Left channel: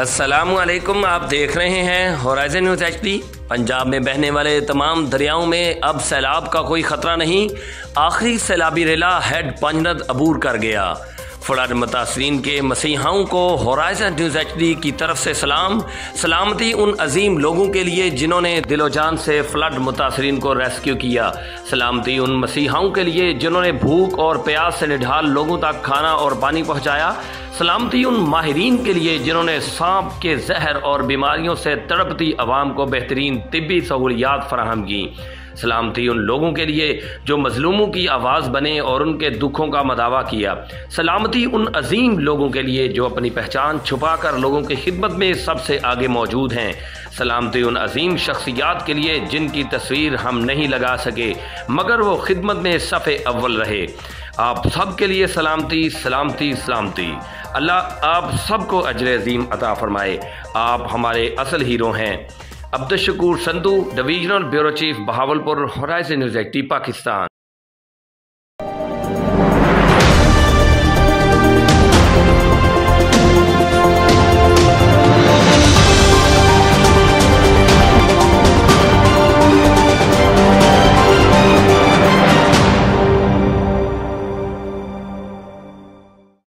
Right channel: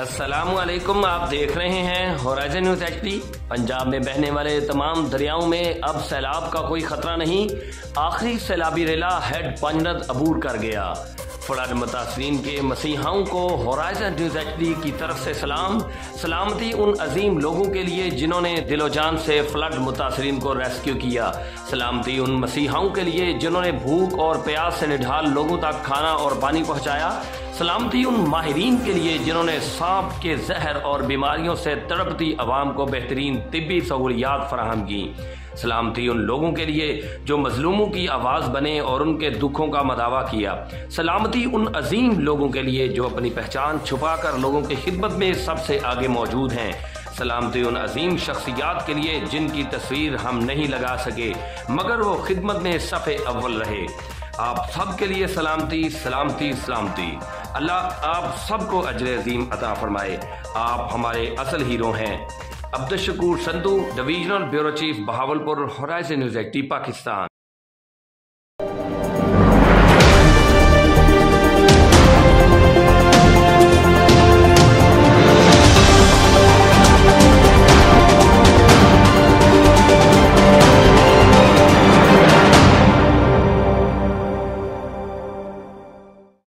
अस्सलामुअलैकुम। आप देख रहे हैं होराइजन न्यूज़ HD। पंजाब में बहने वाले तमाम दरियाओं में अब सैलाब का कोई खतरा नहीं। आखिरी सैलाबी रेला हेड पंजनद अबूर कर गया। फ्लड मुतासरीन के मसीहाओं को होराइजन न्यूज़ HD की तरफ से सलामती उन अजीम लोगों के लिए जिन्होंने दिलो जान से फ्लड मुतासरीन को रेस्क्यू किया। सलामती उन मसीहाओं के लिए जिन्होंने भूख और प्यास से निढाल लोगों तक खाना और पानी पहुंचाया। सलामती उन माहिरीन के लिए जिन्होंने सांप के जहर और बीमारियों से तड़पती आवाम को बेहतरीन तिब्बी सहूलियात फराहम की। सलामती उन लोगों के लिए जो मजलूमों की आवाज़ बने और उनके दुखों का मदावा किया। सलामती उन अजीम लोगों के लिए जो अपनी पहचान छुपाकर लोगों की खिदमत में सबसे आगे मौजूद हैं। सलामती उन अजीम शख्सियात के लिए जिनकी तस्वीर हम नहीं लगा सके मगर वो खिदमत में सफ़े अव्वल रहे। आप सब के लिए सलामती सलामती सलामती। अल्लाह आप सबको अजर अजीम अता फरमाए। आप हमारे असल हीरो हैं। Abdul Shakoor Sandhu, divisional bureau chief, Bahawalpur, Horizon News HD, Pakistan.